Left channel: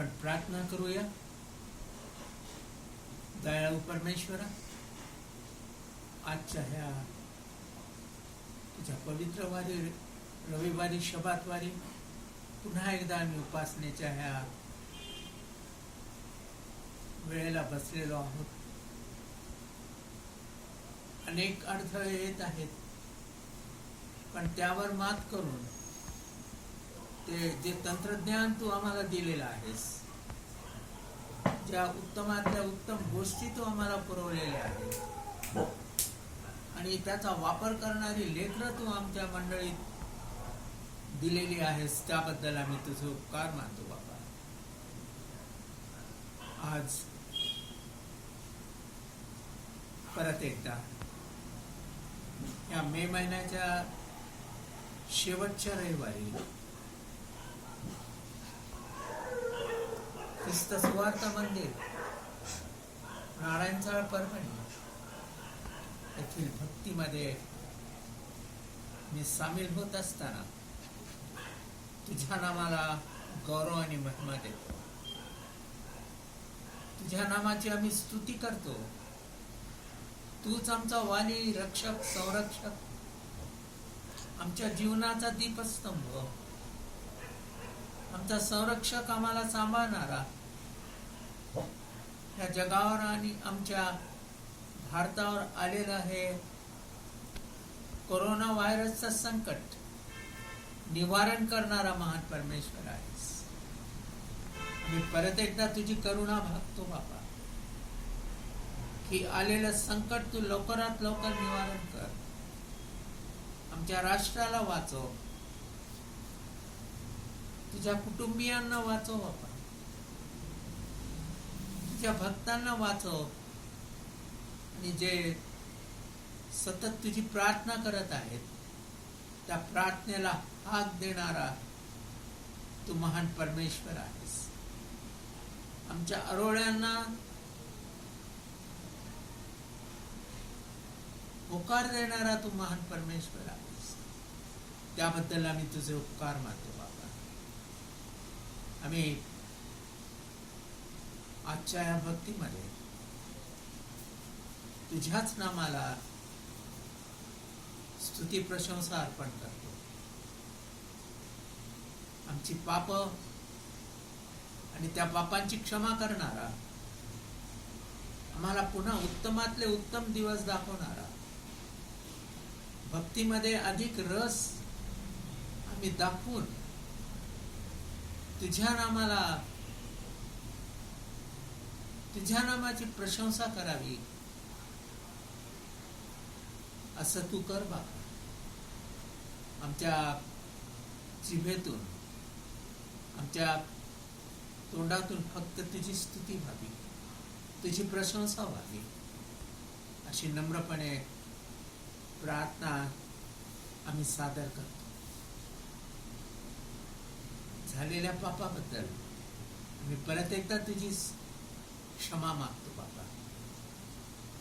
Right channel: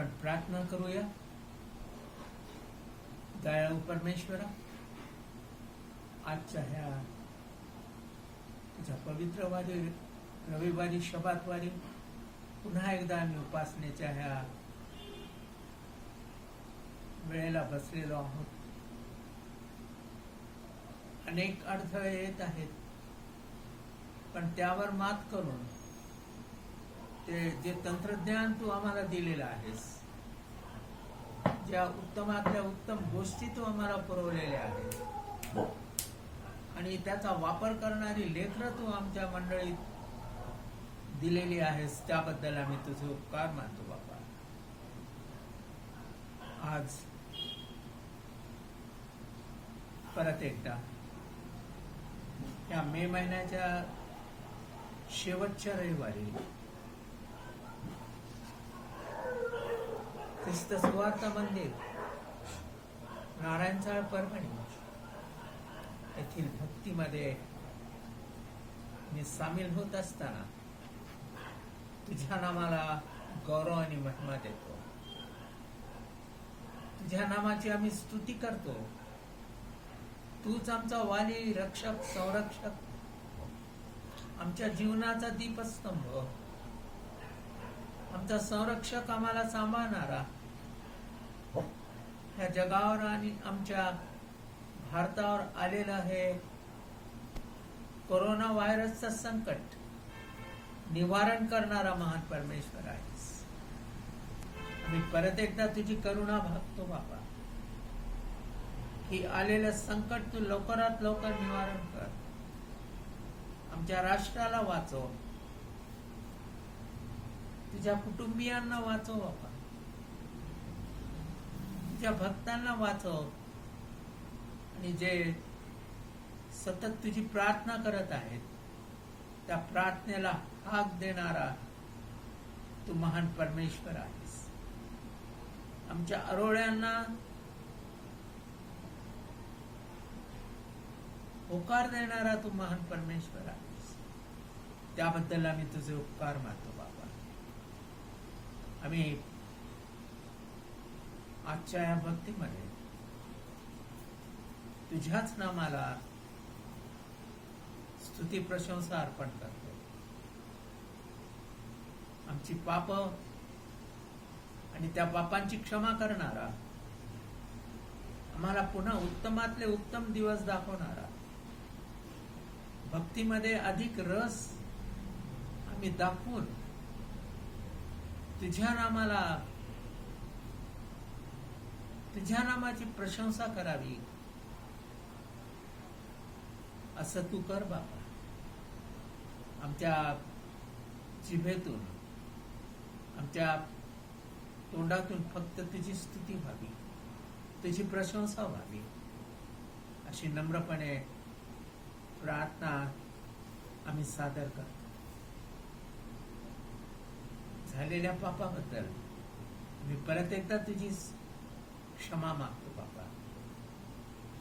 आपण प्रार्थना करूया. दयाळू परमेश्वरा, आजच्या ह्या तुझ्या पवित्रवारी रविवारी शबातवारी पुन्हा एकदा आम्ही उपासनेच्या ह्या वेळेला बसलेलो आहोत. अनेक अडथळे येत आहेत, पण त्यावर मात करून ते जे तंत्रज्ञान तू आम्हाला दिलेलं आहेस, ज्या उत्तमातल्या उत्तम गोष्टी तू आम्हाला पुरवलेल्या आहेत आणि त्याचा वापर करणारी लेकरं तू आमच्या मंडळीत दिलेली आहेस, त्याबद्दल आम्ही तुझे उपकार मानतो बाबा. आज परत एकदा या मे महिन्याच्या शेवटच्या रविवारी ख्रिस्त सुवार्थ मंदिर नारायणचाळ परभणी येथील भक्तीमध्ये मी सामील होत असताना तुझ्या नामाला गौरव आणि महिमा देतो. तुझ्या नामाची आम्ही स्तुती करतो. तूच आमचा वाली, रक्षक, संरक्षक, आमच्या जीवनाचा दीपस्तंभ, आमचा संरक्षक, आम्हाला सांभाळणारा, ह्या जगावर आणि आमच्या भारतावर आलेलं हे कोरोना व्हायरसचं संकट निवारण करणारा महान परमेश्वर आहेस. आम्ही परत एकदा तुझी करुणा भागतो बाबा, की आलेलं संकट तू लवकरात लवकर निवारण कर. आमच्या राष्ट्राला वाचव, तुझ्या कुटुंबियांना वाचव बाबा, तुझ्या भक्तांना वाचव आणि जे सतत तुझी प्रार्थना करत आहेत त्या प्रार्थनेला हाक देणारा तू महान परमेश्वर आहेस. आमच्या आरोळ्यांना होकार देणारा तू महान परमेश्वर आहेस. त्याबद्दल आम्ही तुझे उपकार मानतो बाबा. आम्ही आजच्या या भक्तीमध्ये तुझ्याच नामाला स्तुती प्रशंसा अर्पण करतो. आमची पाप आणि त्या पापांची क्षमा करणारा, आम्हाला पुन्हा उत्तमातले उत्तम दिवस दाखवणारा, भक्तीमध्ये अधिक रस आम्ही दाखवून तुझ्या नामाची प्रशंसा करावी असं तू कर बाबा. आमच्या जिभेतून, आमच्या तोंडातून फक्त तुझी स्तुती व्हावी, तुझी प्रशंसा व्हावी, अशी नम्रपणे प्रार्थना आम्ही सादर करतो. झालेल्या पापाबद्दल मी परत एकदा तुझी क्षमा मागतो बाबा.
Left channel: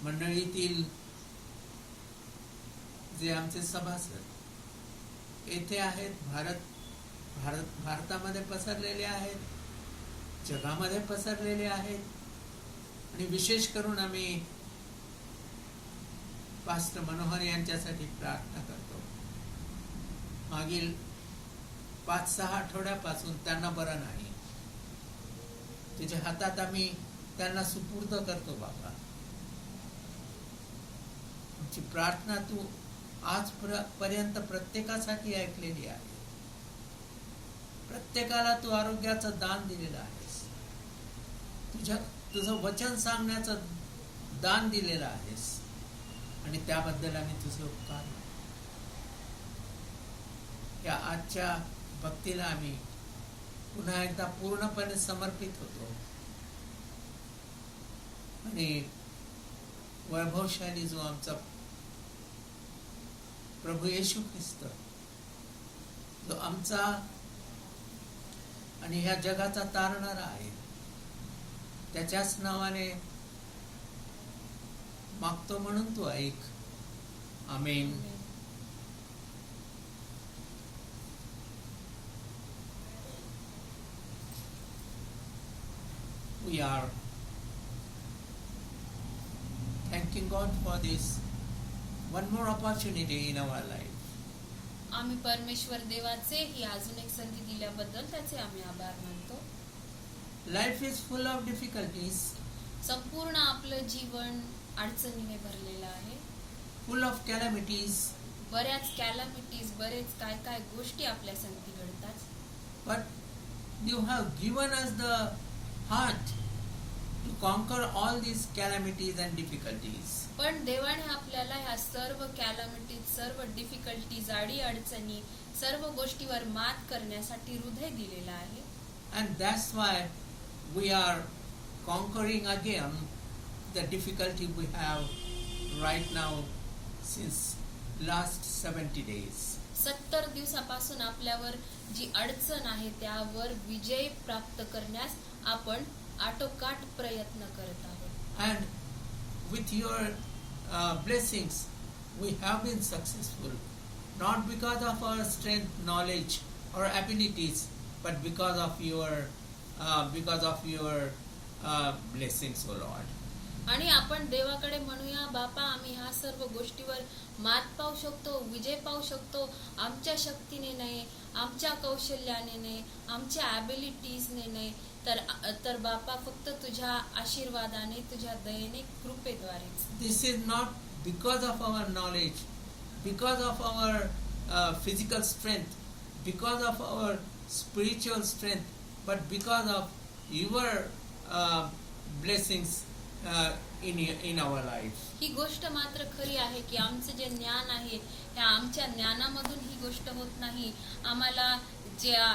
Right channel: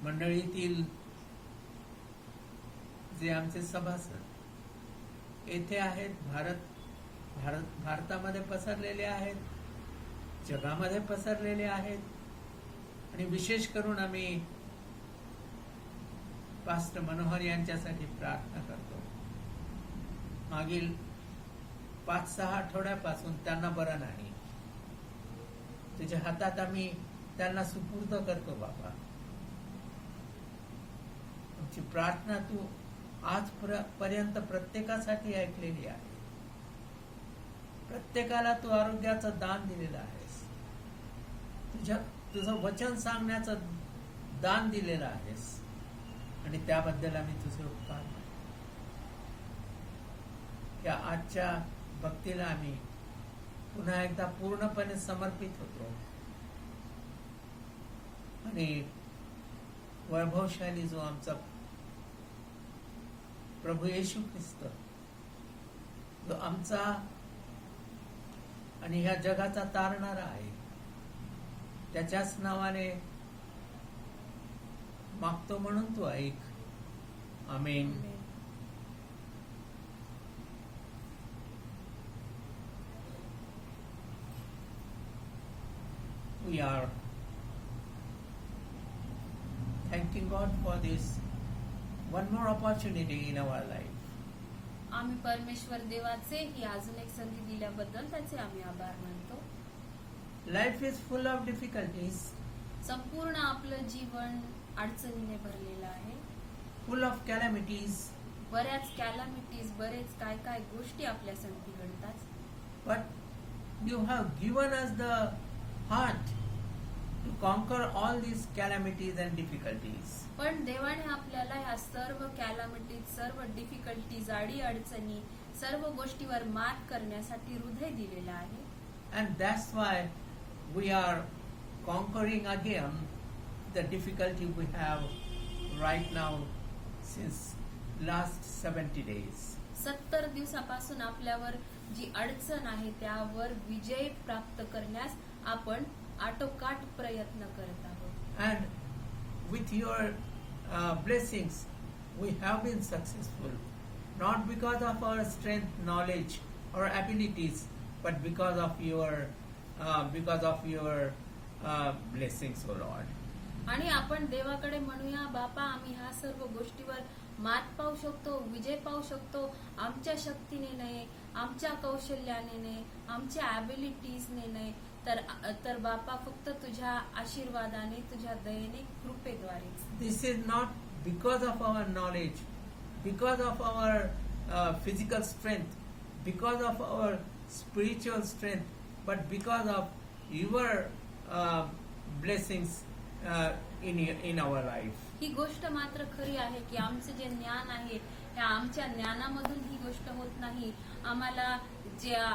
मंडळीतील जे आमचे सभासद येथे आहेत, भारतामध्ये पसरलेले आहेत, जगामध्ये पसरलेले आहेत, आणि विशेष करून आम्ही पास्टर मनोहर यांच्यासाठी प्रार्थना करतो. मागील 5-6 आठवड्यापासून त्यांना बरं नाही. तुझ्या हातात आम्ही त्यांना सुपूर्द करतो बाबा. आमची प्रार्थना तू आजपर्यंत प्रत्येकासाठी ऐकलेली आहे. प्रत्येकाला तू आरोग्याचं दान दिलेलं आहेस. तुझं वचन सांगण्याचं दान दिलेलं आहेस आणि त्याबद्दल आम्ही तुझे उपकार मानतो. या आजच्या भक्तीला आम्ही पुन्हा एकदा पूर्णपणे समर्पित होतो आणि वैभवशाली जो आमचा प्रभू येशू ख्रिस्त, जो आमचा आणि ह्या जगाचा तारणारा आहे, त्याच्याच नावाने मागतो म्हणून तू ऐक. आमेन. we are thanking God for this one more opportunity in our life. आम्ही परमेश्वर देवाचे ही अजून एक संधी दिल्याबद्दल त्याचे आम्ही आभार मानतो. Life is full of difficulties, संपूर्ण आपलं जीवन अडचणीने भरलेलं आहे. full of calamities, बऱ्याच कॅलॅमिटीज, बरेच काय काय गोष्टी आपल्या संगती घडतात. but you have given us the heart to conquer all these calamities and difficulties. पण देवाने आपल्याला ह्या सर्व कॅलॅमिटीज, सर्व डिफिकल्टीज, अडी अडचणी, सर्व गोष्टीवर मात करण्यासाठी हृदय दिलेलं आहे. And that's why we are conquering again the difficulty we have right now since last 70 days. 70 दिवसापासून आपल्यावर जी अडचण आहे त्यावर विजय प्राप्त करण्यास आपण आटोकाट प्रयत्न करत आहोत. And with your blessings, we have been successful, not because of our strength, knowledge, or abilities, but because of your blessings, O Lord. आणि आपण देवाकडे म्हणूया, बापा आम्ही ह्या सर्व गोष्टीवर मात पाहू शकतो, विजय पाहू शकतो, आमच्या शक्तीने नाही, आमच्या कौशल्याने नाही, आमच्या ॲबिलिटीजने नाही, तर बापा फक्त तुझ्या आशीर्वादाने, तुझ्या दयेने, कृपेद्वारेच. This is not because of our knowledge, because of our physical strength, because of our spiritual strength, but because of your blessings in our life. ही गोष्ट मात्र खरी आहे की आमचं जे ज्ञान आहे त्या आमच्या ज्ञानामधून ही गोष्ट होत नाही, आम्हाला ज्या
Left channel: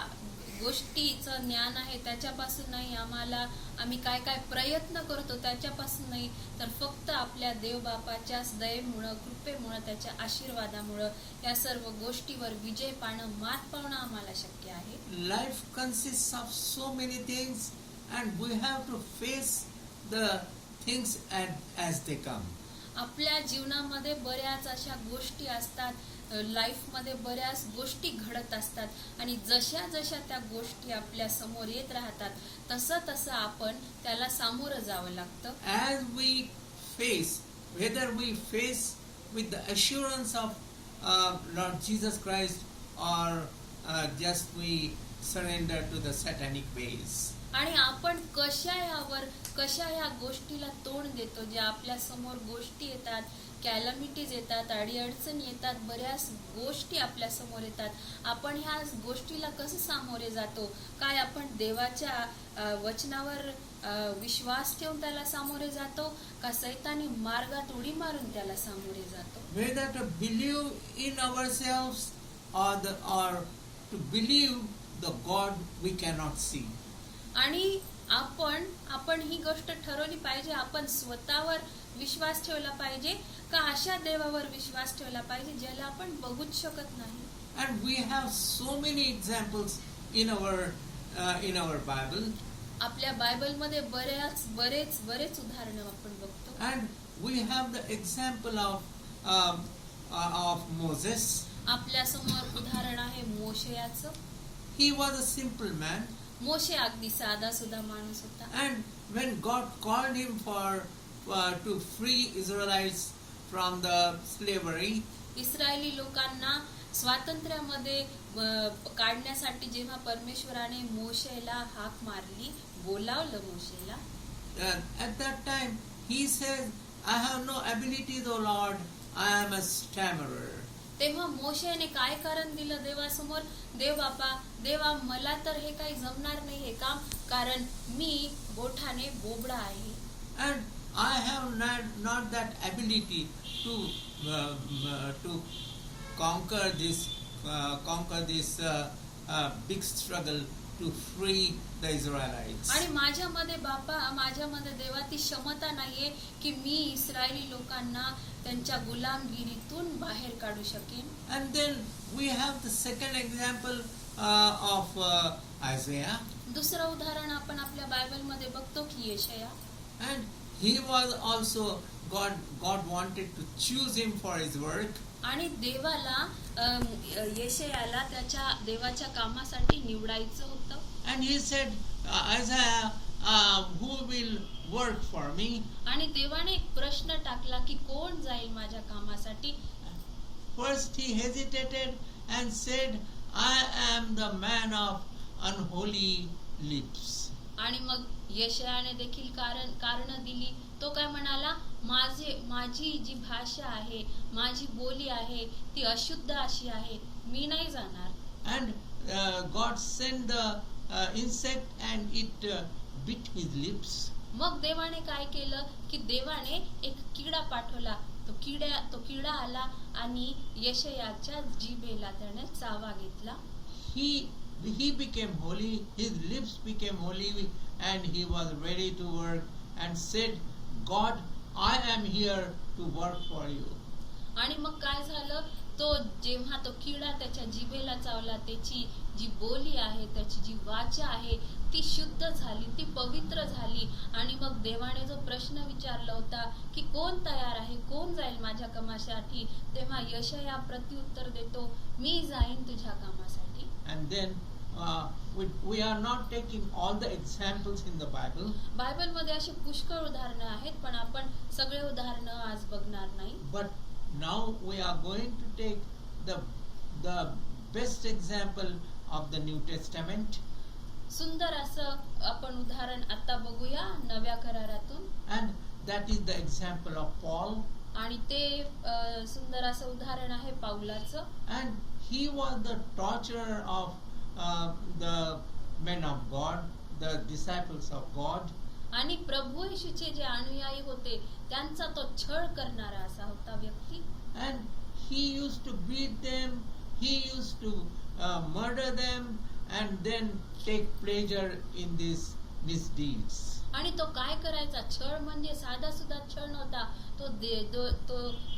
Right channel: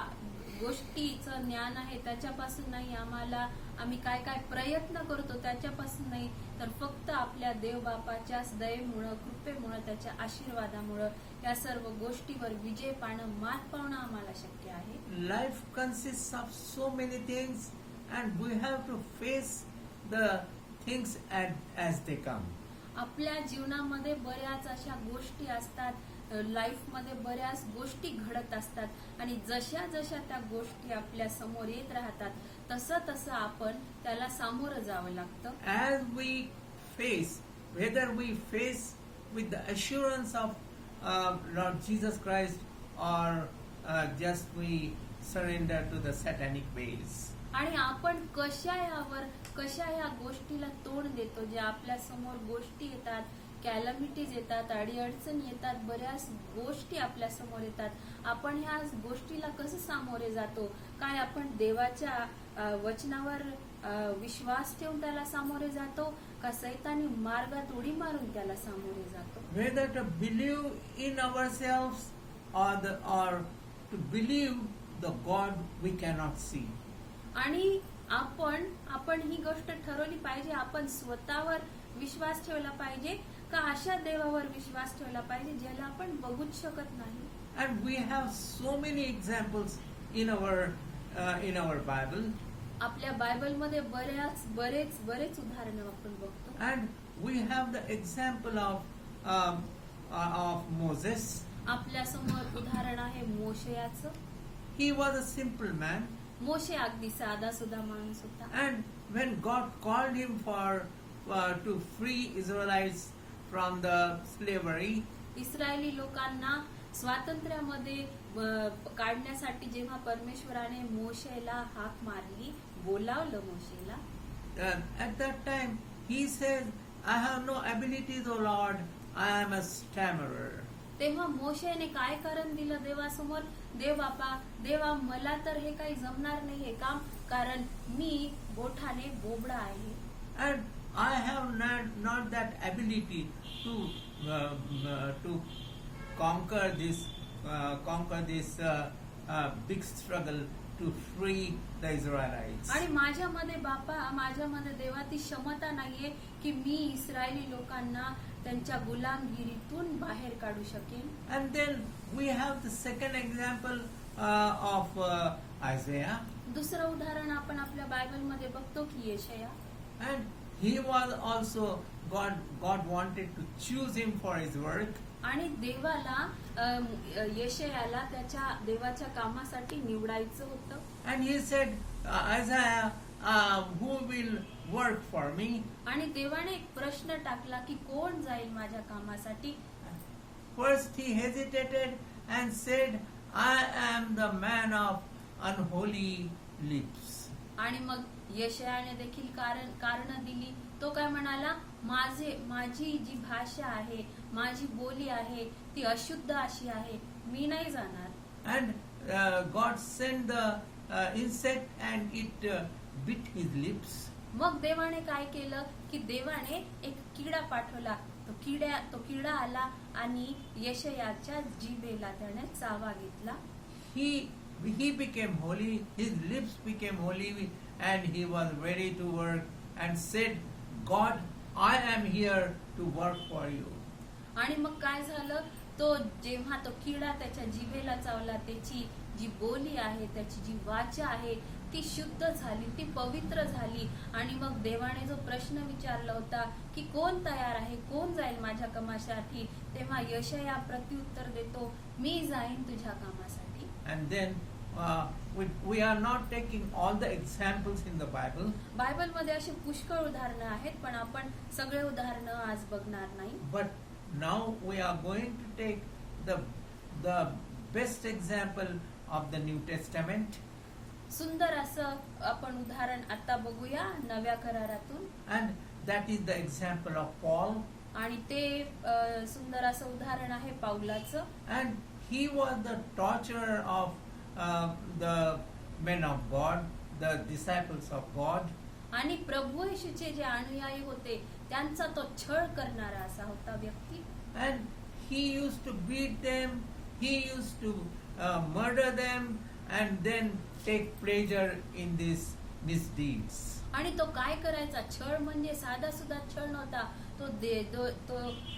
गोष्टीचं ज्ञान आहे त्याच्यापासून नाही, आम्ही काय काय प्रयत्न करतो त्याच्यापासून नाही, तर फक्त आपल्या देवबापाच्या दयेमुळं, कृपेमुळं, त्याच्या आशीर्वादामुळं या सर्व गोष्टीवर विजय पाहणं, मात पावणं आम्हाला शक्य आहे. Life consists of so many things and we have to face the things as they come. आपल्या जीवनामध्ये बऱ्याच अशा गोष्टी असतात, लाईफमध्ये बऱ्याच गोष्टी घडत असतात आणि जशा जशा त्या गोष्टी आपल्या समोर येत राहतात तसं तसं आपण त्याला सामोरं जावं लागतं. As we face, whether we face with the assurance of Lord Jesus Christ or just we surrender to the satanic ways. आणि आपण कशा ह्या गोष्टीला तोंड देतो, ज्या आपल्या समोर गोष्टी येतात, कॅलॅमिटीज येतात, अडीअडचणी येतात, बऱ्याच गोष्टी आपल्या समोर येतात, आपण ह्या गोष्टीला कसं सामोरे जातो, काय आपण देवाच्या वचनावर विश्वास ठेवून त्याला सामोरे जातो का सैतानी मार्गात उडी मारून त्याला सामोरे जातो. Whether to believe in ourselves or to believe the God we cannot see. आणि आपण ही गोष्ट ठरवली पाहिजे, आपण स्वतःवर विश्वास ठेवला पाहिजे का अशा देवावर विश्वास ठेवला पाहिजे ज्याला आपण बघूच शकत नाही. And we have so many examples in our Bible. आपल्या बायबलमध्ये बरेच उदाहरणं आपण बघतो. And we have the example of Moses. आपल्या समोर उदाहरण आहे मोशेयाचं. He was a simple man. मोशे अगदी साधा सुद्धा माणूस होता. And when God called him to free Israelites from the slavery, Israeli लोकांना स्वातंत्र्यामध्ये काढण्यासाठी जेव्हा परमेश्वराने मोशेला हाक मारली, बोलावलं मोशेला, at that time he says, I have no abilities, O Lord, I am a stammerer. तेव्हा मोशेने काय कारण दिलं देवासमोर, देवा मला तर हे काही जमणार नाही हे काम, कारण मी बोठाने बोबडा आहे. And I have not that ability to conquer this big struggle to free the Israelites. आणि माझ्यामध्ये देवा ती क्षमता नाहीये की मी इस्रायली लोकांना त्यांच्या गुलामगिरीतून बाहेर काढू शकेन. And then we have the second example of Isaiah. दुसरं उदाहरण आपण आपल्या बायबलमध्ये बघतो की येशया. And he was also God wanted to choose him for his work. आणि देवाला येशयाला त्याच्या देवाच्या कामासाठी निवडायचं होतं. And he said, Isaiah, who will work for me? आणि देवाने एक प्रश्न टाकला की कोण जाईल माझ्या कामासाठी. First he hesitated and said, I am the man of unholy lips. आणि मग यशायाने देखील कारण दिली. तो काय म्हणाला, माझी जी भाषा आहे, माझी बोली आहे ती अशुद्ध अशी आहे, मी नाही जाणार. And God sent the insect and it bit his lips. मग देवाने काय केलं की देवाने एक किडा पाठवला. तो किडा आला आणि यशयाच्या जिभेला त्याने चावा घेतला. He became holy, his lips became holy, and he was ready to work and said, God, I am here to work for you. आणि मग काय झालं, जेव्हा तो किडा त्याच्या जिभेला चावला, त्याची जी बोली आहे, त्याची जी वाचा आहे ती शुद्ध झाली, ती पवित्र झाली. आणि मग देवाने जो प्रश्न विचारला होता की कोण तयार आहे, कोण जाईल माझ्या कामासाठी, तेव्हा यशया प्रत्युत्तर देतो, मी जाईन तुझ्या कामासाठी. And then we are not taking all the examples in the Bible. Bible मध्ये अशी पुष्कळ उदाहरणं आहेत, पण आपण सगळे उदाहरणं आज बघणार नाही. But now we are going to take the best example of the New Testament. सुंदर असं आपण उदाहरण आता बघूया नव्या करारातून. And that is the example of Paul. आणि ते सुंदर असं उदाहरण आहे पौलाचं. And he was the torturer of the men of God, the disciples of God. आणि प्रभू येशूचे जे अनुयायी होते त्यांचा तो छळ करणारा असा होता व्यक्ती. And he used to beat them, he used to murder them, and then take pleasure in these misdeeds. आणि तो काय करायचा, छळ म्हणजे साधा सुद्धा छळ नव्हता. तो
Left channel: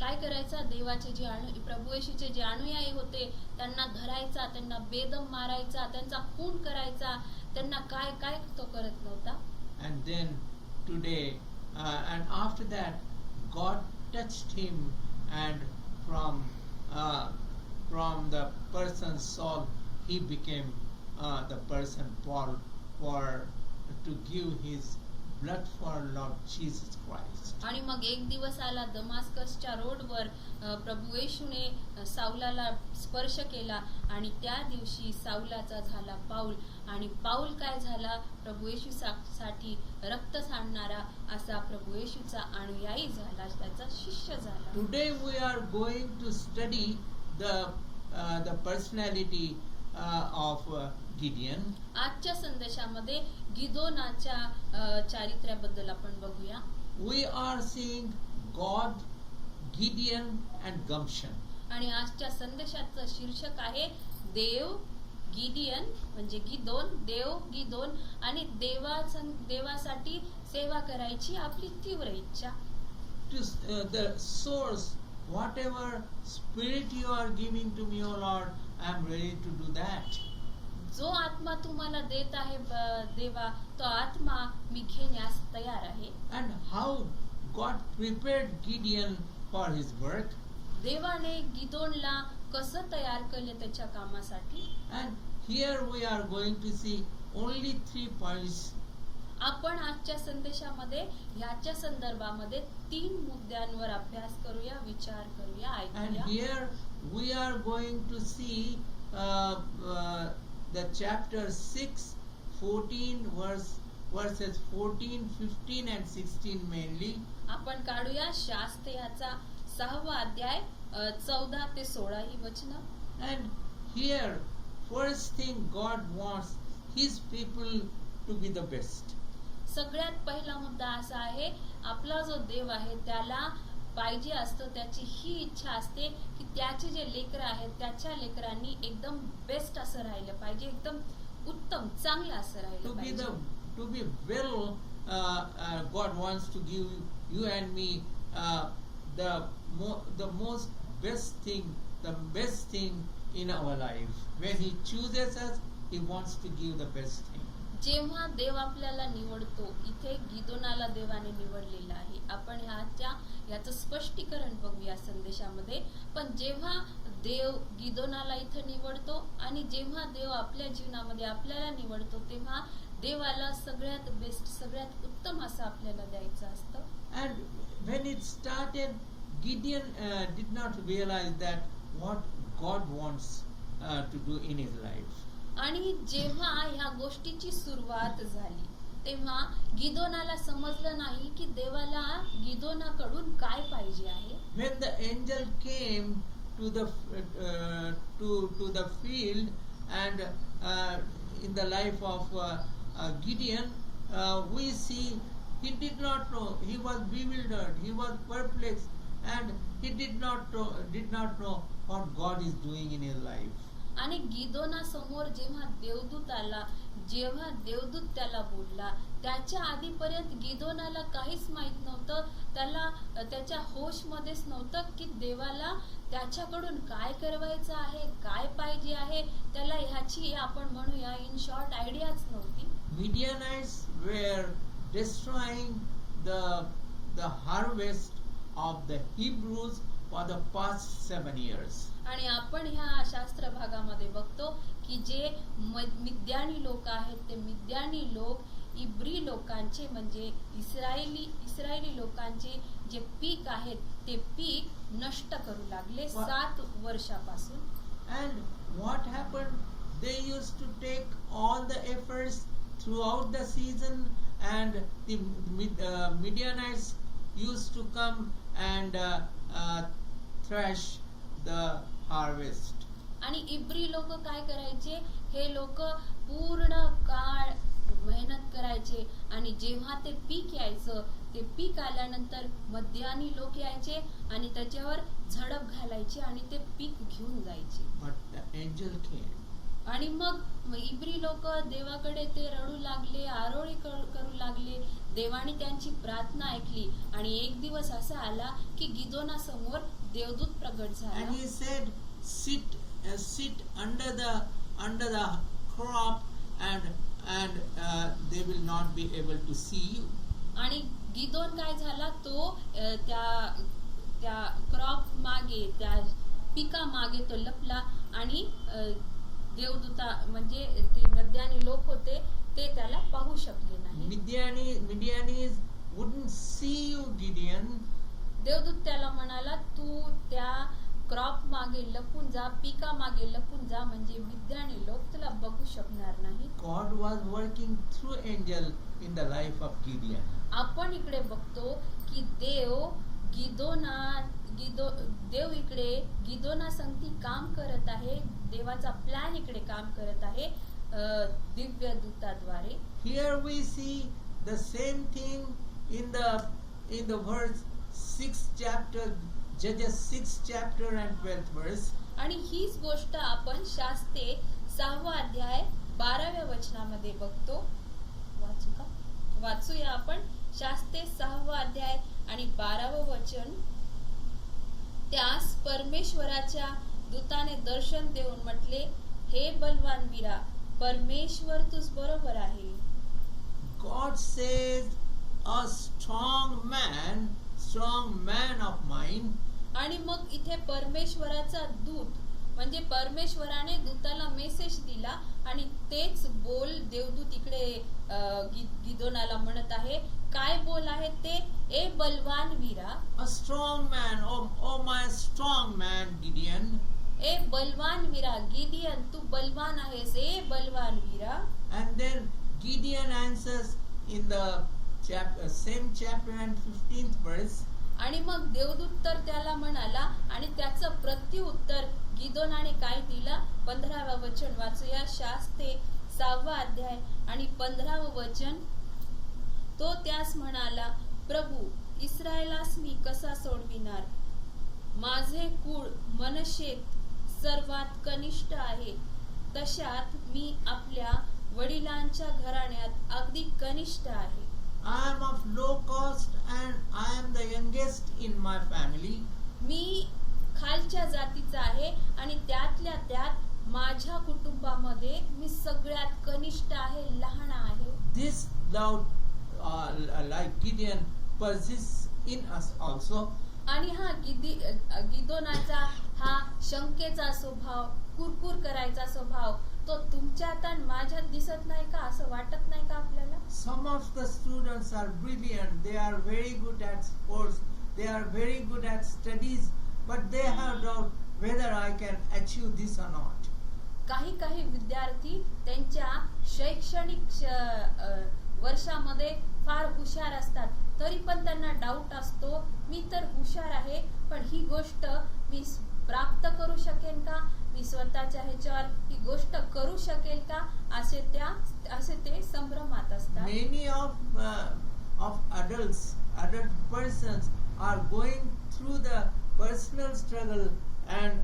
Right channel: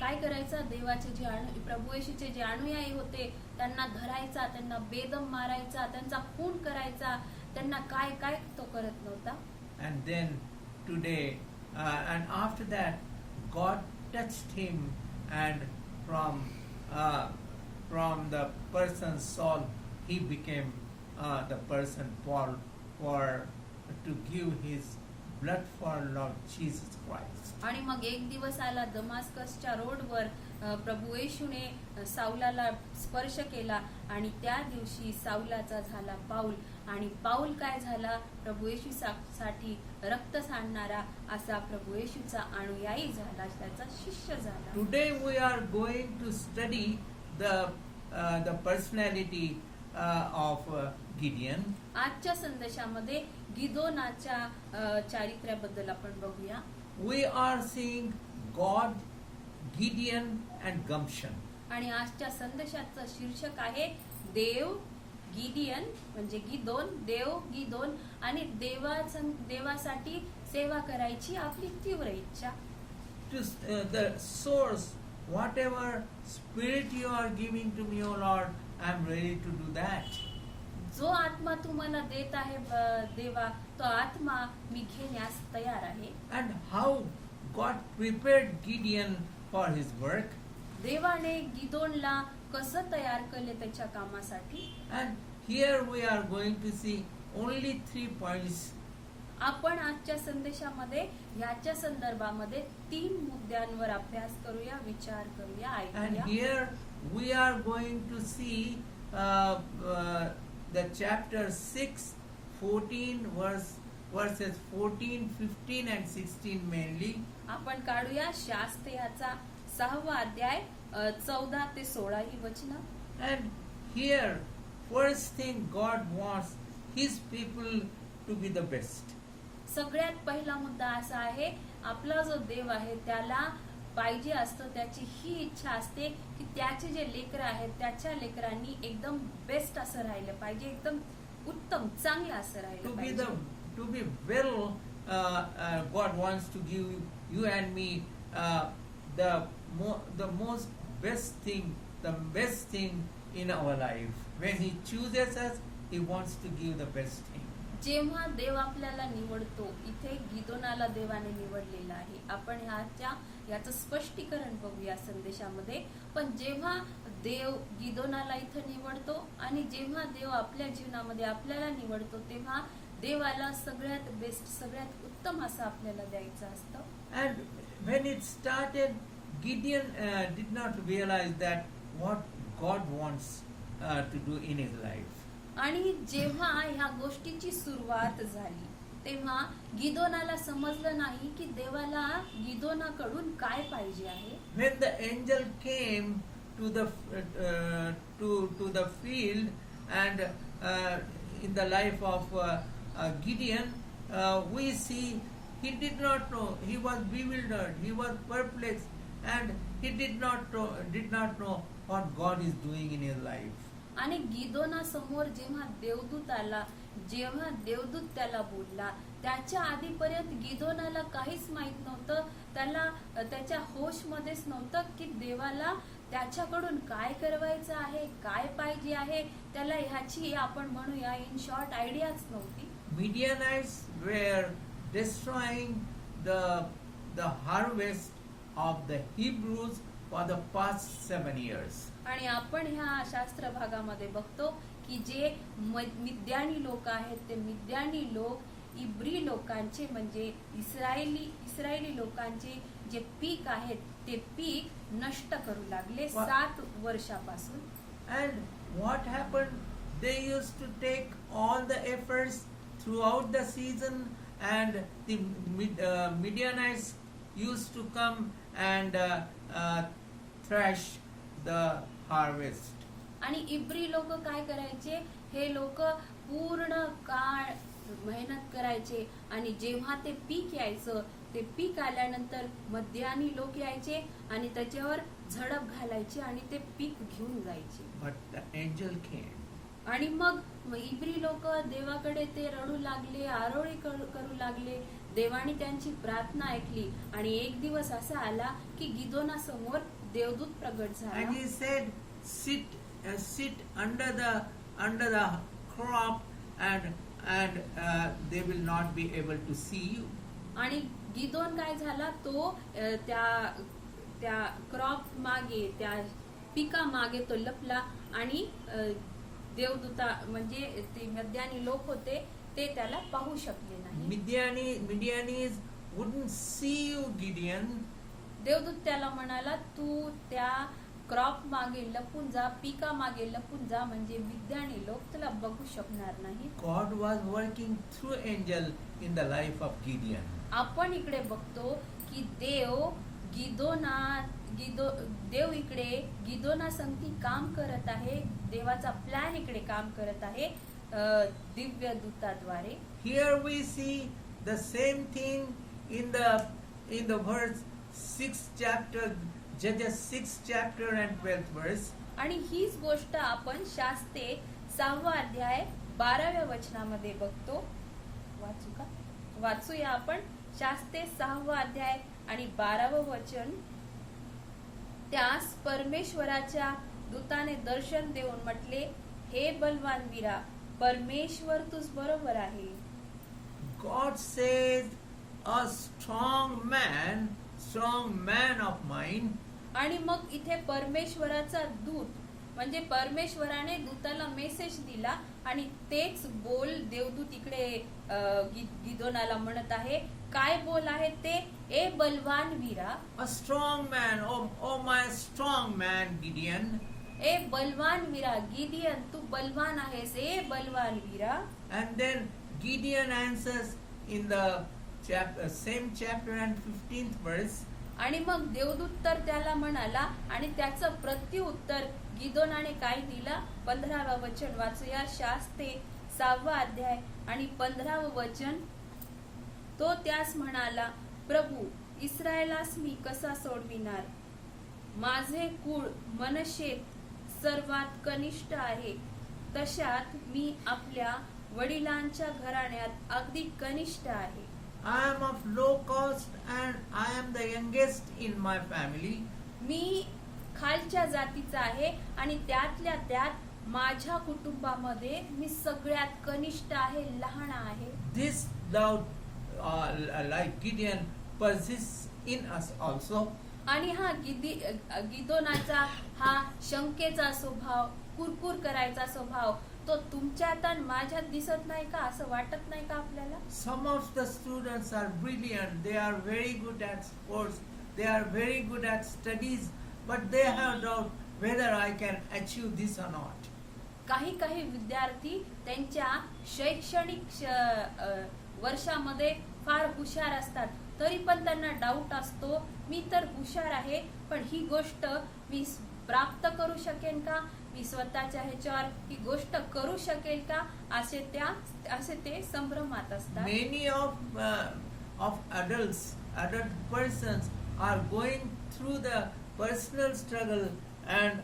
काय करायचा, देवाचे जे प्रभू येशूचे जे अनुयायी होते त्यांना धरायचा, त्यांना बेदम मारायचा, त्यांचा खून करायचा, त्यांना काय काय तो करत नव्हता. And then today and after that God touched him, and from the person Saul he became the person Paul, to give his blood for Lord Jesus Christ. आणि मग एक दिवस आला दमास्कसच्या रोडवर प्रभू येशूने साऊलाला स्पर्श केला आणि त्या दिवशी साऊलाचा झाला पाऊल. आणि पाऊल काय झाला, प्रभू येशूसाठी रक्त सांडणारा असा प्रभू येशूचा अनुयायी झाला, त्याचा शिष्य झाला. Today we are going to study the personality of Gideon. आजच्या संदेशामध्ये गिदोनाच्या चारित्र्याबद्दल आपण बघूया. We are seeing God, Gideon and Gamshan. आणि आजच्या संदेशाचं शीर्षक आहे देव, गिडियन म्हणजे देव गिदोन आणि देवासाठी सेवा करायची आपली तीव्र इच्छा. The source, whatever spirit you are giving to me, O Lord, I am ready to do that. जो आत्मा तुम्हाला देत आहे देवा, तो आत्मा मी घेण्यास तयार आहे. And how God prepared Gideon for his work. देवाने गिदोनला कसं तयार केले त्याच्या कामासाठी. And here we are going to see only 3 points. आपण आजच्या संदेशामध्ये याच्या संदर्भामध्ये 3 मुद्द्यांवर अभ्यास करूया, विचार करूया, And ऐकूया. here we are going to see the chapter 6, 14 verses 14, 15 and 16 mainly. आपण काढूया शास्त्रयाचा 6वा अध्याय 14 ते 16 ही वचनं. And here first thing God wants his people to be the best. सगळ्यात पहिला मुद्दा असा आहे, आपला जो देव आहे त्याला पाहिजे असतं, त्याची ही इच्छा असते की त्याचे जे लेकरं आहेत त्याच्या लेकरांनी एकदम बेस्ट असं राहिलं पाहिजे, एकदम उत्तम चांगलं असं राहिलं पाहिजे. To be well, God wants to give you and me the most best thing, the best thing in our life. When He chooses us, He wants to give the best thing. जेव्हा देव आपल्याला निवडतो, इथे गिदोनाला देवाने निवडलेलं आहे. आपण याचं स्पष्टीकरण बघूया संदेशामध्ये. पण जेव्हा देव गिदोनाला इथं निवडतो आणि जेव्हा देव आपल्या जीवनामध्ये आपल्याला निवडतो, तेव्हा देवाला सगळ्यात बेस्ट, सगळ्यात उत्तम असं आपल्याला द्यायचं असतं. And when it started, Gideon did not realize that what God wants to do in his life. आणि जेव्हा ह्या गोष्टीची सुरुवात झाली तेव्हा गिदोनाला समजलं नाही की देवाला गिदोनाकडून काय पाहिजे आहे. When the angel came to the field and in the life of Gideon, we see he did not know. He was bewildered. He was perplexed, and he did not know what God is doing in his life. आणि गिदोना समोर जेव्हा देवदूत आला, जेव्हा देवदूत त्याला बोलला, त्याच्या आधीपर्यंत गिदोनाला काहीच माहित नव्हतं. त्याला त्याच्या होश मध्येच नव्हतं की देवाला त्याच्याकडून काय करवायचं आहे, काय पाहिजे आहे. त्याला ह्याची आपण म्हणूया इन शॉर्ट आयडियाच नव्हती. Midianites were destroying the harvest of the Hebrews for the past 7 years. आणि आपण ह्या शास्त्र भागामध्ये बघतो की जे मिद्यानी लोक आहेत ते मिद्यानी लोक इब्री लोकांचे म्हणजे इस्रायली लोकांचे जे पीक आहेत ते पीक नष्ट करू लागले 7 वर्षापासून. And what happened? They used to take all the efforts throughout the season, and the Midianites used to come and thresh the harvest. आणि इब्री लोक काय करायचे, हे लोक पूर्ण काळ मेहनत करायचे आणि जेव्हा ते पीक यायचं, ते पीक आल्यानंतर मध्यानी लोक यायचे आणि त्याच्यावर झडप घालायचे आणि ते पीक घेऊन जायचे. But the angel came. आणि मग इब्री लोक देवाकडे ते रडू लागले, आरोळी करू लागले. देवाने त्यांची प्रार्थना ऐकली आणि एक दिवस असा आला की गिदोना समोर देवदूत प्रगट झाला. And he said, sit under the crop, and they will not be able to see you. आणि गिदोन काय झाला, तो त्या क्रॉप मागे, त्या पिका मागे तो लपला आणि देवदूता म्हणजे ते मध्यानी लोक होते ते त्याला पाहू शकले नाही. Midianites wouldn't see you, Gideon. देवदूत त्याला म्हणाला, तू त्या क्रॉप मागे लपून जा, पिका मागे लपून जा, म्हणजे मिद्यानी लोक तुला बघू शकणार नाही. God was working through angel in the life of Gideon. आपण इकडे बघतो की देव इकडे गिदोना संगती काम करत आहे. देवाचा प्लॅन इकडे काम करत आहे Divya दूताद्वारे. Here we see the same thing in the verse 6th chapter, Judges 6th chapter and 12th verse. आणि हीच गोष्ट आपण शास्ते 6वा अध्याय 12व्या वचनामध्ये बघतो. वाचूया आपण शास्ते 6वा अध्याय आणि 12वं वचन. त्यास परमेश्वराच्या दूताने दर्शन देऊन म्हटले, हे बलवान वीरा, परमेश्वर तुझ बरोबर आहे. God says, a strong man of mine. आणि मग इथे परमेश्वराचा दूत म्हणजे परमेश्वराने दूताला मेसेज दिला आणि तेच बोल देवदूत इकडे गिदोनाला म्हणत आहे. काय बोल आहे ते, ए बलवान वीरा. A strong man, oh my strong man Gideon. ए बलवान वीरा गिदियन, तू बलवान आहेस, ए बलवान वीरा. And then Gideon answers in the same chapter and 15th verse. आणि मग देवदूत तर त्याला म्हणाला आणि त्याचं प्रत्युत्तर गिदोनाने काय दिला, 15वं वचन वाचूया. शास्ते 6वा अध्याय आणि 15वं वचन. तो त्यास म्हणाला, प्रभू, इस्रायलास मी कसा सोडविणार? माझे कुळ मनशेत सर्वात कनिष्ठ आहे, तशात मी आपल्या वडिलांच्या घराण्यात अगदी कनिष्ठ आहे. I am of low caste and I am the youngest in my family. मी खालच्या जातीचा आहे आणि त्यातल्या त्यात माझ्या कुटुंबामध्ये मी सगळ्यात कनिष्ठ आहे, लहान आहे. This doubt, like Gideon, persists in us also. आणि हा गिदोनाचा हा शंकेचा स्वभाव, कुरकुर करायचा स्वभाव तो तुमच्यात आणि माझ्यात दिसत नाही का, असं वाटत नाही का आपल्याला? Some of the students are brilliant, they are very good at sports, they are very good at studies, but they have doubt whether I can achieve this or not. काही काही विद्यार्थी त्यांच्या शैक्षणिक वर्षामध्ये फार हुशार असतात, तरी पण त्यांना डाऊट असतो, मी तर हुशार आहे पण ही गोष्ट मी प्राप्त करू शकेन का, मी स्वतःच्या ह्याच्यावर ही गोष्ट करू शकेल का, असे ते संभ्रमात असतात. Many of adult persons are going through the personal struggle and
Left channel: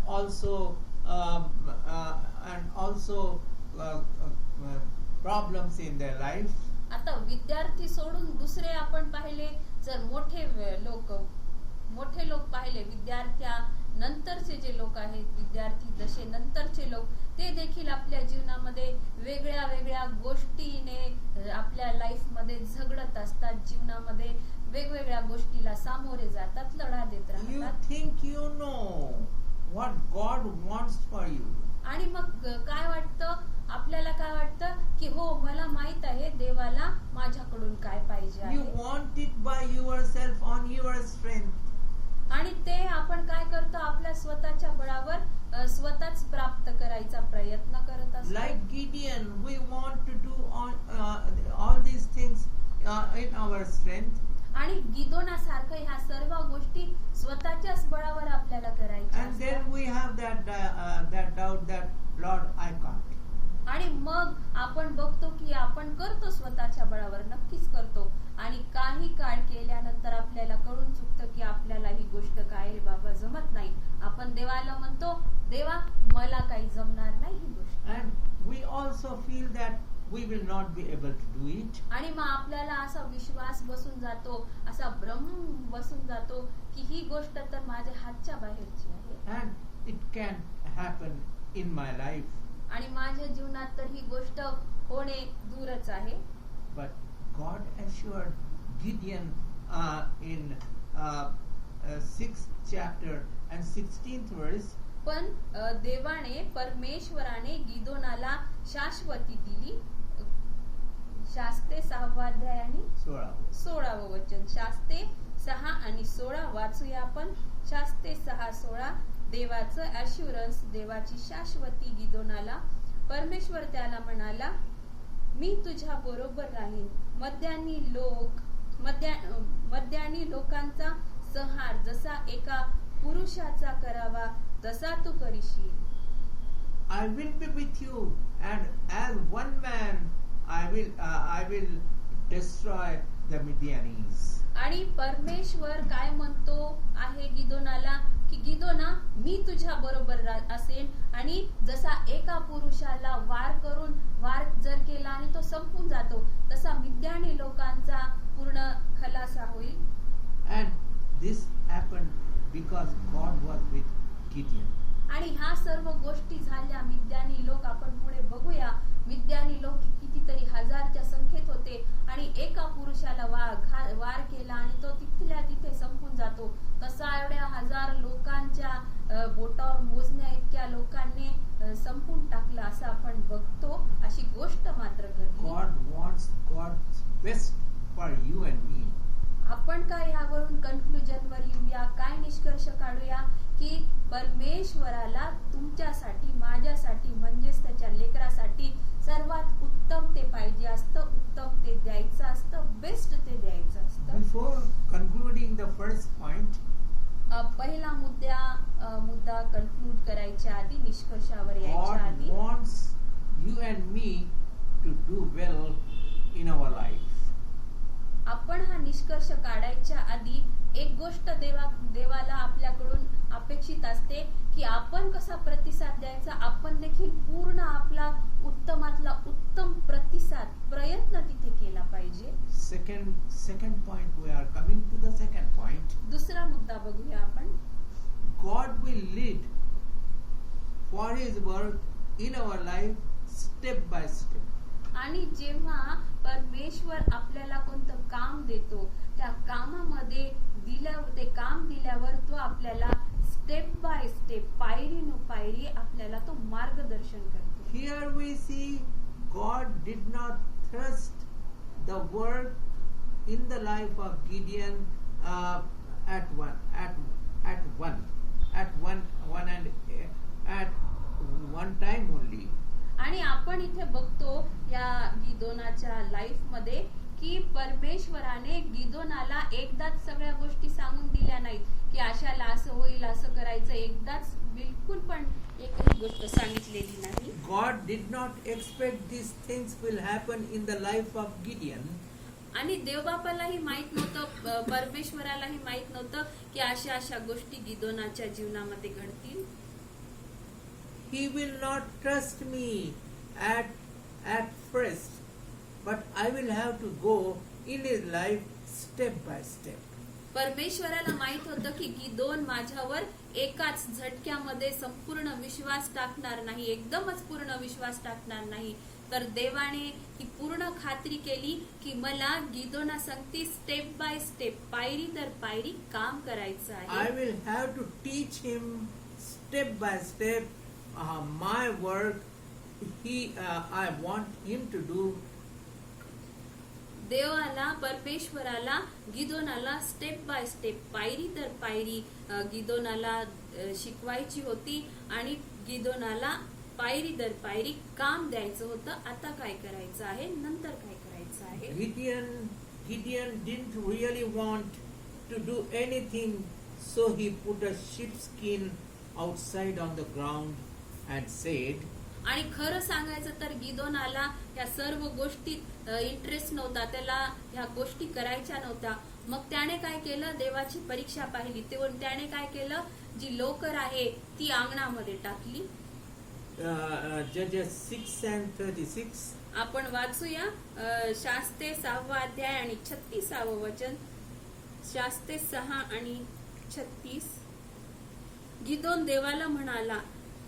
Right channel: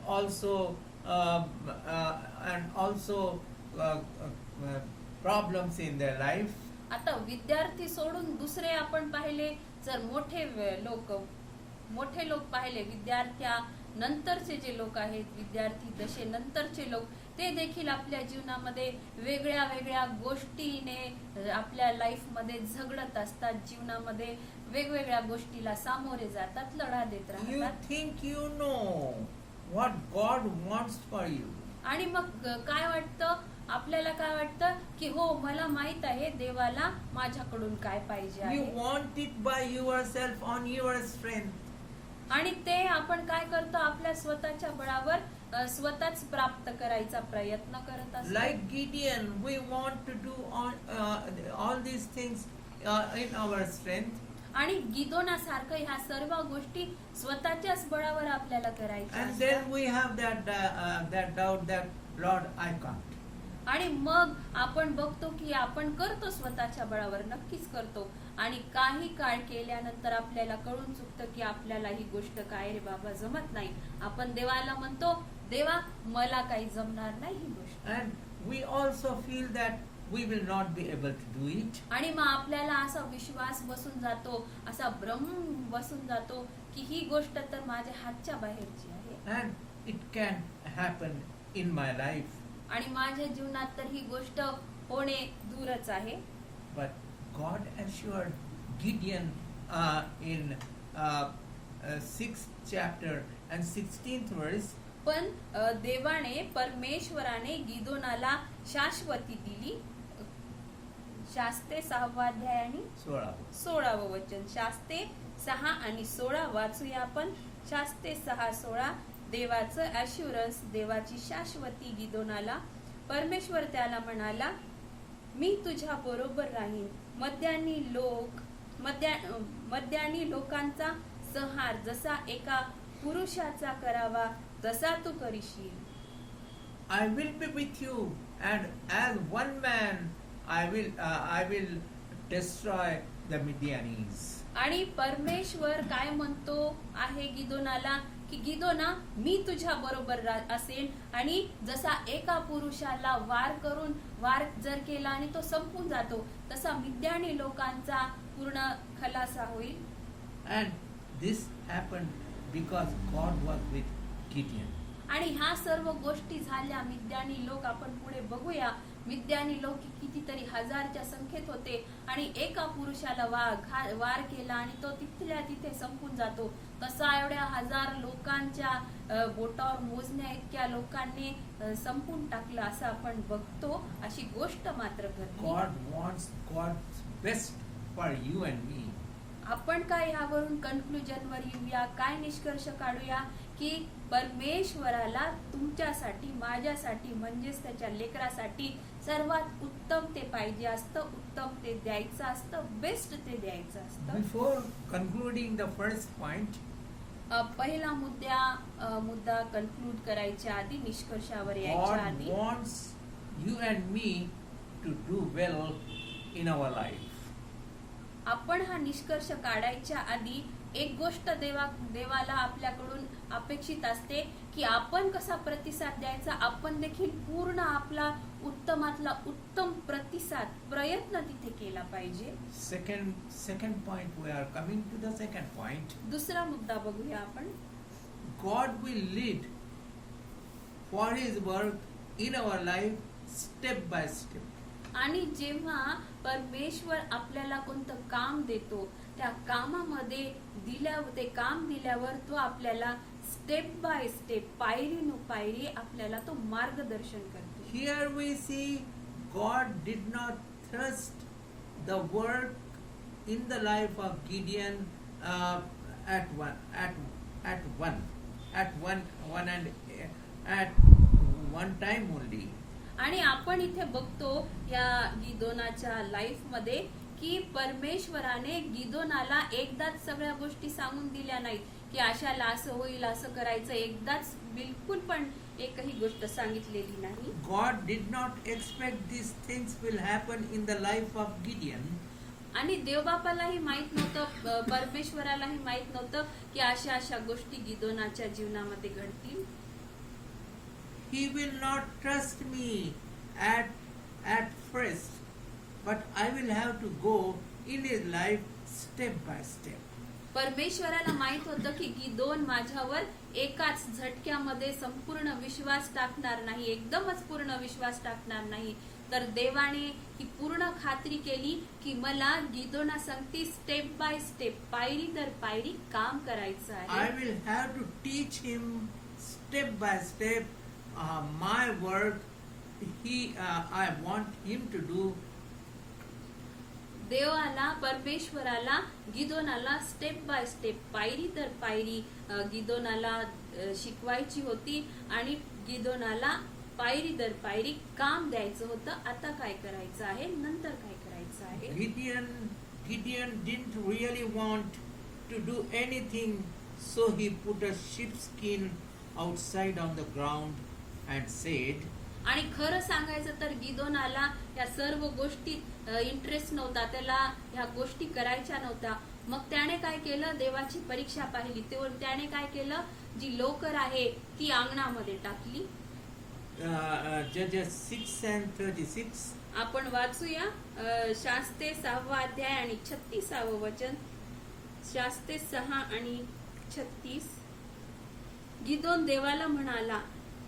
also problems in their life. आता विद्यार्थी सोडून दुसरे आपण पाहिले, जर मोठे लोक पाहिले, विद्यार्थ्या नंतरचे जे लोक आहेत, विद्यार्थी दशे नंतरचे लोक, ते देखील आपल्या जीवनामध्ये वेगळ्या वेगळ्या गोष्टीने आपल्या लाईफ मध्ये झगडत असतात, जीवनामध्ये वेगवेगळ्या गोष्टीला सामोरे जातात, लढा देत You राहतात. think you know what God wants for you. आणि मग काय वाटतं आपल्याला, काय वाटतं की हो मला माहित आहे देवाला माझ्याकडून काय पाहिजे You आहे, want it by yourself on your strength. आणि ते आपण काय करतो, आपल्या स्वतःच्या बळावर स्वतःच प्राप्त करायचा प्रयत्न करत असतो. Like Gideon, we want to do all these things in our strength. आणि गिदोनासारखं ह्या सर्व गोष्टी स्वतःच्याच बळावर आपल्याला करायच्या And then असतात. we have that doubt that Lord, I can't. आणि मग आपण बघतो की आपण करतो स्वतःच्या बळावर, नक्कीच करतो, आणि काही काळ केल्यानंतर आपल्याला कळून चुकतं की आपल्याला ही गोष्ट काय रे बाबा जमत नाही. आपण देवाला म्हणतो, देवा मला काही जमणार नाही ही गोष्ट, And we also feel that we will not be able to do it. आणि मग आपल्याला असा विश्वास बसून जातो, असा भ्रम बसून जातो की ही गोष्ट तर माझ्या हातच्या बाहेरची आहे And it can happen in my life. आणि माझ्या जीवनात तर ही गोष्ट होणे दूरच आहे. But God assured Gideon in 6th chapter and 16th verse. पण परमेश्वराने गिदोनाला शाश्वती दिली. शास्ते 6वा अध्याय आणि 16वं वचन. शास्ते 6 आणि 16 वाचूया आपण. शास्ते 6:16. देवाचं ॲश्युरन्स, देवाची शाश्वती गिदोनाला. परमेश्वर त्याला म्हणाला, मी तुझ्या बरोबर राहीन. मद्यानी लोकांचा संहार जसा एका पुरुषाचा करावा तसा तू करशील. I will be with you, and as one man I will destroy the Midianites. आणि परमेश्वर काय म्हणतो आहे गिदोनाला की गिदोना, मी तुझ्या बरोबर असेन, आणि जसा एका पुरुषाला वार जर केला आणि तो संपून जातो, तसा मिद्यानी लोकांचा पूर्ण खलासा होईल. And this happened because God was with Gideon. आणि ह्या सर्व गोष्टी झाल्या. मिद्यानी लोक आपण पुढे बघूया. मिद्यानी लोक कितीतरी हजारच्या संख्येत होते, आणि एका पुरुषाला वार केला आणि तो तिथल्या तिथे संपून जातो. तसा एवढ्या हजार लोकांच्या बोटावर मोजण्या इतक्या लोकांनी संपून टाकलं असं आपण बघतो. अशी गोष्ट मात्र घडली. God wants God's best for you and me. आपण काय ह्यावरून कन्क्लुजनवर येऊया, काय निष्कर्ष काढूया की परमेश्वराला तुमच्यासाठी, माझ्यासाठी, म्हणजेच त्याच्या लेकरासाठी सर्वात उत्तम ते पाहिजे असतं, उत्तम ते द्यायचं असतं, बेस्ट ते द्यायचं असतं. Before concluding the first point, पहिला मुद्दा कन्क्लूड करायच्या आधी, निष्कर्षावर यायच्या God आधी, wants you and me to do well in our life. आपण हा निष्कर्ष काढायच्या आधी एक गोष्ट देवाला आपल्याकडून अपेक्षित असते की आपण कसा प्रतिसाद द्यायचा. आपण देखील पूर्ण आपला उत्तमातला उत्तम प्रतिसाद, प्रयत्न तिथे केला पाहिजे. Second point, we are coming to the second point. दुसरा मुद्दा बघूया आपण. God will lead for His work in our life step by step. आणि जेव्हा परमेश्वर आपल्याला कोणतं काम देतो, त्या कामामध्ये ते काम दिल्यावर तो आपल्याला स्टेप बाय स्टेप, पायरी न पायरी आपल्याला तो मार्गदर्शन करतो. here we see God did not trust the work in the life of Gideon at one time only. आणि आपण इथे बघतो या गिदोनाच्या लाईफ मध्ये की परमेश्वराने गिदोनाला एकदाच सगळ्या गोष्टी सांगून दिल्या नाहीत की अशाला असं होईल असं करायचं, एकदाच बिलकुल पण एकही गोष्ट सांगितलेली नाही. God did not expect these things will happen in the life of Gideon. आणि देवबापालाही माहित नव्हतं, परमेश्वरालाही माहित नव्हतं की अशा अशा गोष्टी गिदोनाच्या जीवनामध्ये घडतील. He will not trust me at first, but I will have to go in his life step by step. परमेश्वराला माहित होतं की गिदोन माझ्यावर एकाच झटक्यामध्ये संपूर्ण विश्वास टाकणार नाही, एकदमच पूर्ण विश्वास टाकणार नाही. तर देवाने ही पूर्ण खात्री केली की मला गिदोना सांगती स्टेप बाय स्टेप, पायरी दर पायरी काम करायचं आहे. I will have to teach him step by step my work. I want him to do. देवाला, परमेश्वराला गिदोनाला स्टेप बाय स्टेप, पायरी दर पायरी गिदोनाला शिकवायची होती आणि गिदोनाला पायरी दर पायरी काम द्यायचं होतं. आता काय करायचं आहे, नंतर काय करायचं आहे. Gideon didn't really want to do anything, so he put a sheepskin outside on the ground and said, आणि खरं सांगायचं तर गिदोनाला या सर्व गोष्टीत इंटरेस्ट नव्हता, त्याला ह्या गोष्टी करायच्या नव्हत्या. मग त्याने काय केलं, देवाची परीक्षा पाहिली, त्याने काय केलं, जी लोकर आहे ती अंगणामध्ये टाकली. Judges 6 and 36. आपण वाचूया शास्त्रे 6वा अध्याय आणि 36वे वचन. शास्त्रे 6 आणि 36. गिदोन देवाला म्हणाला,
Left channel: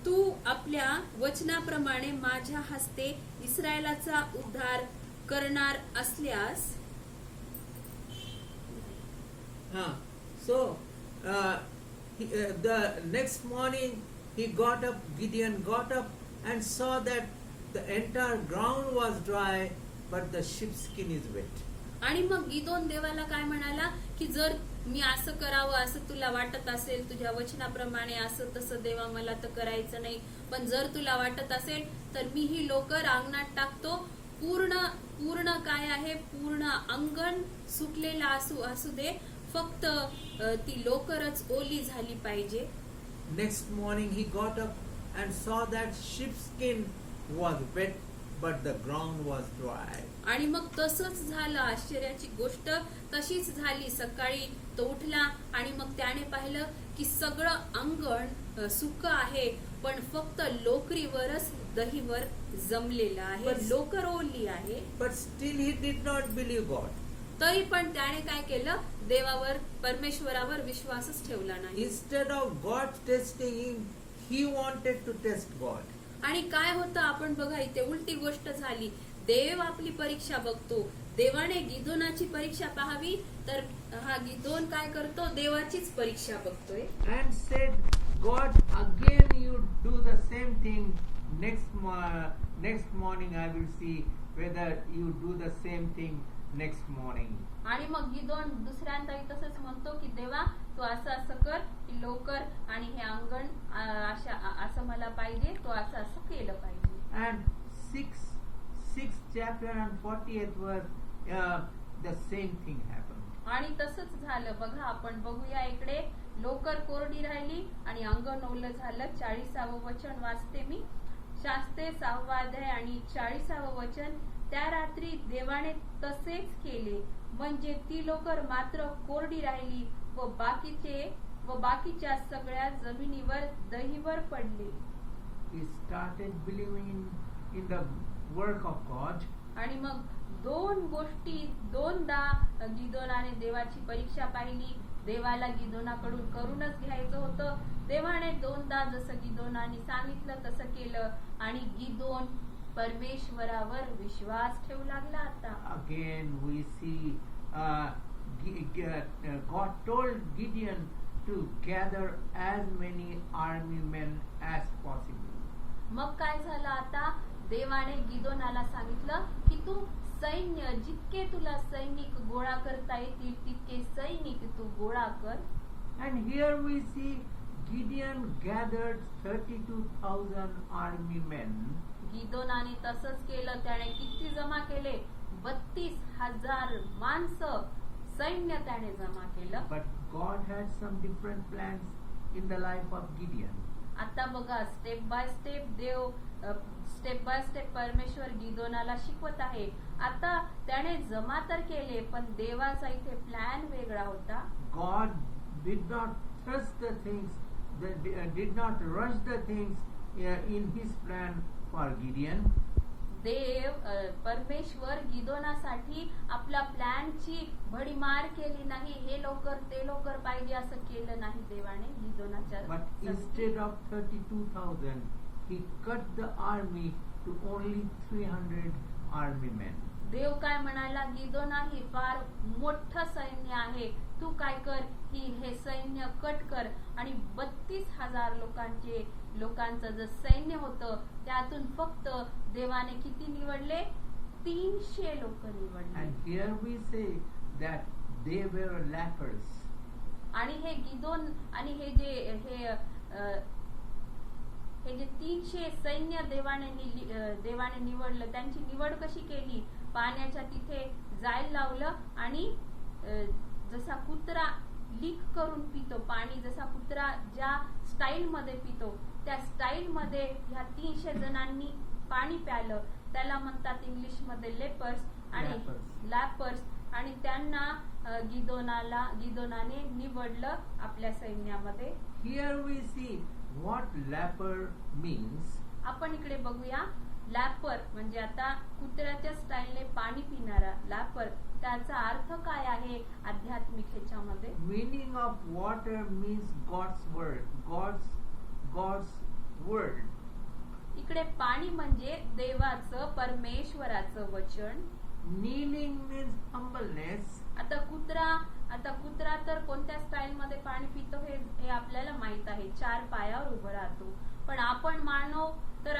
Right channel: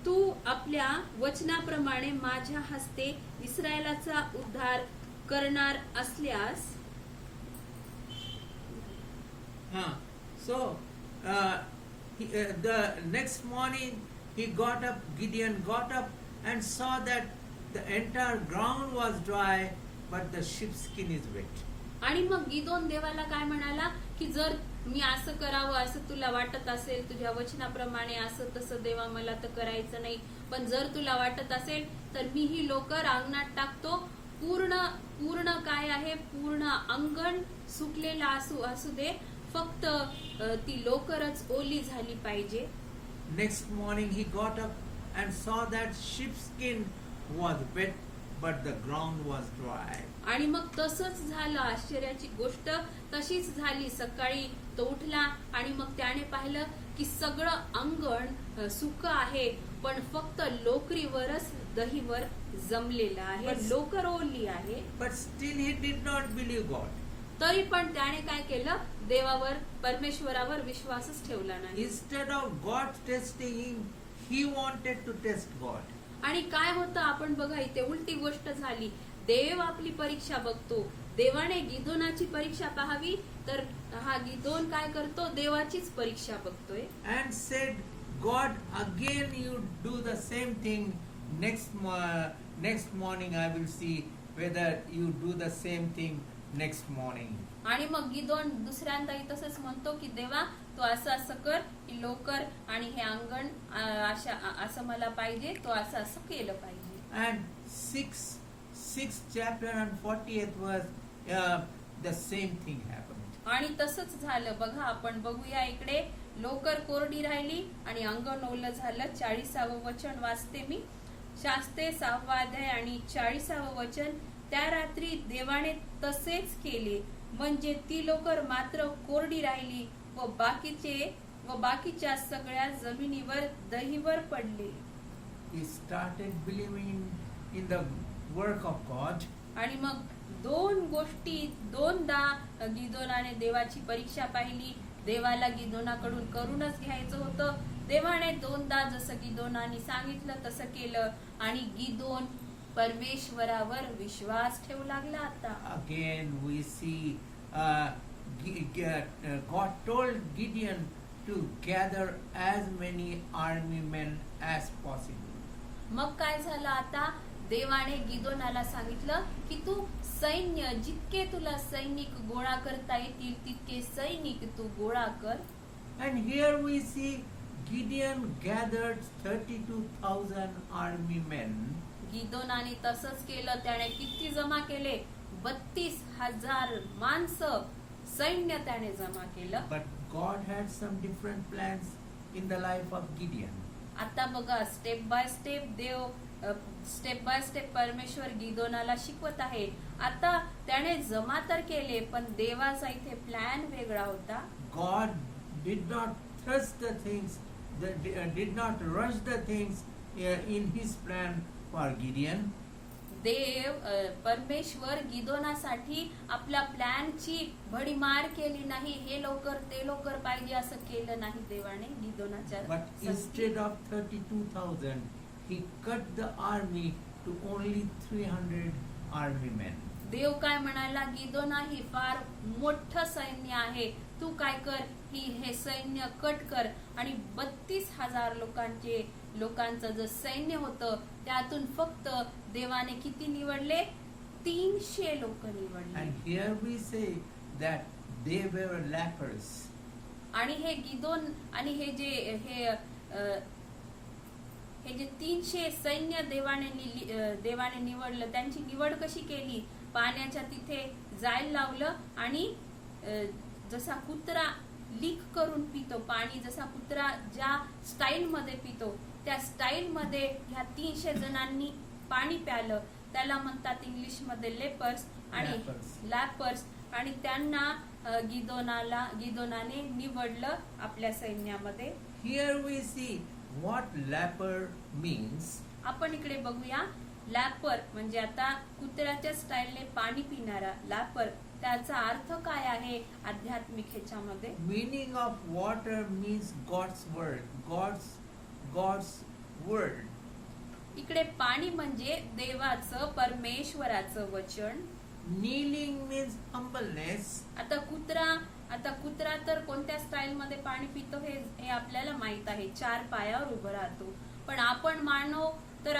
तू आपल्या वचनाप्रमाणे माझ्या हस्ते इस्रायलाचा उद्धार करणार असल्यास. So the next morning Gideon got up and saw that the entire ground was dry, but the sheepskin is wet. आणि मग गिदोन देवाला काय म्हणाला की जर मी असं करावं असं तुला वाटत असेल, तुझ्या वचनाप्रमाणे असं तसं देवा मला तर करायचं नाही, पण जर तुला वाटत असेल तर मी ही लोकर अंगणात टाकतो. पूर्ण काय आहे, पूर्ण अंगण सुकलेला असू दे, फक्त ती लोकरच ओली झाली पाहिजे. Next morning he got up and saw that sheepskin was wet, but the ground was dry. आणि मग तसंच झालं. आश्चर्याची गोष्ट तशीच झाली. सकाळी तो उठला आणि मग त्याने पाहिलं की सगळं अंगण सुकं आहे, पण फक्त लोकरीवरच दहीवर जमलेलं आहे, लोकर ओली आहे. But still he did not believe God. तरी पण त्याने काय केलं, देवावर, परमेश्वरावर विश्वासच ठेवला नाही. Instead of God testing him, he wanted to test God. आणि काय होतं आपण बघा, इथे उलटी गोष्ट झाली. देव आपली परीक्षा बघतो. देवाने गिदोनाची परीक्षा पाहावी, तर हा गिदोन काय करतो, देवाचीच परीक्षा बघतोय. And said, God, again you do the same thing. Next morning I will see whether you do the same thing next morning. आणि मग गिदोन दुसऱ्यांदाही तसंच म्हणतो की देवा तू असं कर, ही लोकर आणि हे अंगण असं मला पाहिजे, तो असं केलं पाहिजे. And 6th chapter and 40th verse, the same thing happened. आणि तसंच झालं. बघा आपण बघूया इकडे, लोकर कोरडी राहिली आणि अंगण ओलं झालं. 40वे वचन वाचते मी. शास्त्रे 6वा अध्याय आणि 40वे वचन. त्या रात्री देवाने तसेच केले, म्हणजे ती लोकर मात्र कोरडी राहिली व बाकीच्या सगळ्या जमिनीवर दहीवर पडले. He started believing in the work of God. आणि मग दोनदा गिदोनाने देवाची परीक्षा पाहिली. देवाला गिदोनाकडून करूनच घ्यायचं होतं. देवाने दोनदा जसं गिदोनाने सांगितलं तसं केलं आणि गिदोन परमेश्वरावर विश्वास ठेवू लागला. आता Again we see God told Gideon to gather as many army men as possible. मग काय झालं आता देवाने गिदोनाला सांगितलं की तू सैन्य जितके तुला सैनिक गोळा करता येतील तितके सैनिक तू गोळा कर. And here we see Gideon gathered 32,000 army men. गिदोनाने तसंच केलं. त्याने किती जमा केले? 32,000 माणसं सैन्य त्याने जमा केलं. But God had some different plans in the life of Gideon. आता बघा स्टेप बाय स्टेप परमेश्वर गिदोनाला शिकवत आहे. आता त्याने जमा तर केले पण देवाचा इथे प्लॅन वेगळा होता. God did not thrust the things, did not rush the things in His plan for Gideon. परमेश्वर गिदोनासाठी आपल्या प्लॅनची भडीमार केली नाही. हे लवकर ते लवकर पाहिजे असं केलं नाही देवाने गिदोनाच्या. But instead of 32,000, He cut the army to only 300 army men. देव काय म्हणाला? गिदोना ही फार मोठं सैन्य आहे, तू काय कर हे सैन्य कट कर. आणि 32,000 लोकांचं जे सैन्य होतं त्यातून फक्त देवाने किती निवडले? 300 लोक निवडले. And here we say that they were lepers. आणि हे गिदोन आणि हे जे 300 सैन्य देवाने निवडलं त्यांची निवड कशी केली? पाण्याच्या तिथे जायला लावलं आणि जसा कुत्रा लीक करून पितो पाणी, जसा कुत्रा ज्या स्टाईल मध्ये पितो त्या स्टाईल मध्ये ह्या 300 जणांनी पाणी प्यालं. त्याला म्हणतात इंग्लिश मध्ये लेपर्स आणि लॅपर्स. आणि त्यांना गिदोनाने निवडलं आपल्या सैन्यामध्ये. Here we see what leper means. आपण इकडे बघूया. लॅपर म्हणजे आता कुत्र्याच्या स्टाईलने पाणी पिणारा लॅपर, त्याचा अर्थ काय आहे आध्यात्मिक ह्याच्यामध्ये? Meaning of water means God's word. God's word. इकडे पाणी म्हणजे देवाचं परमेश्वराचं वचन. Kneeling means humbleness. आता कुत्रा तर कोणत्या स्टाईल मध्ये पाणी पितो हे आपल्याला माहित आहे. 4 पायावर उभं राहतो. पण आपण मानव तर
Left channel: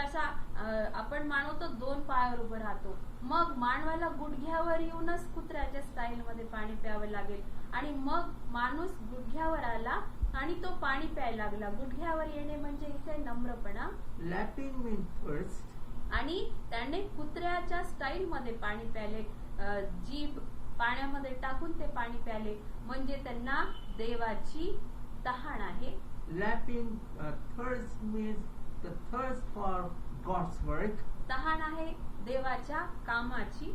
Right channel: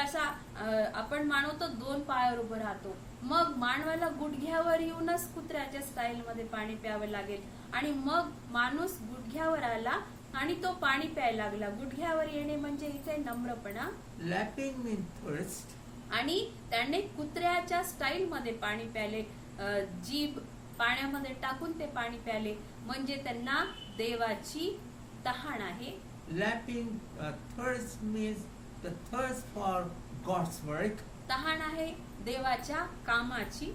2 पायावर उभं राहतो. मग मानवाला गुडघ्यावर येऊनच कुत्र्याच्या स्टाईल मध्ये पाणी प्यावं लागेल. आणि मग माणूस गुडघ्यावर आला आणि तो पाणी प्यायला लागला. गुडघ्यावर येणे म्हणजे इथे नम्रपणा. Lapping means thirst. आणि त्याने कुत्र्याच्या स्टाईल मध्ये पाणी प्याले. जीभ पाण्यामध्ये टाकून ते पाणी प्याले म्हणजे त्यांना देवाची तहान आहे. Lapping thirst means the thirst for God's work. तहान आहे देवाच्या कामाची.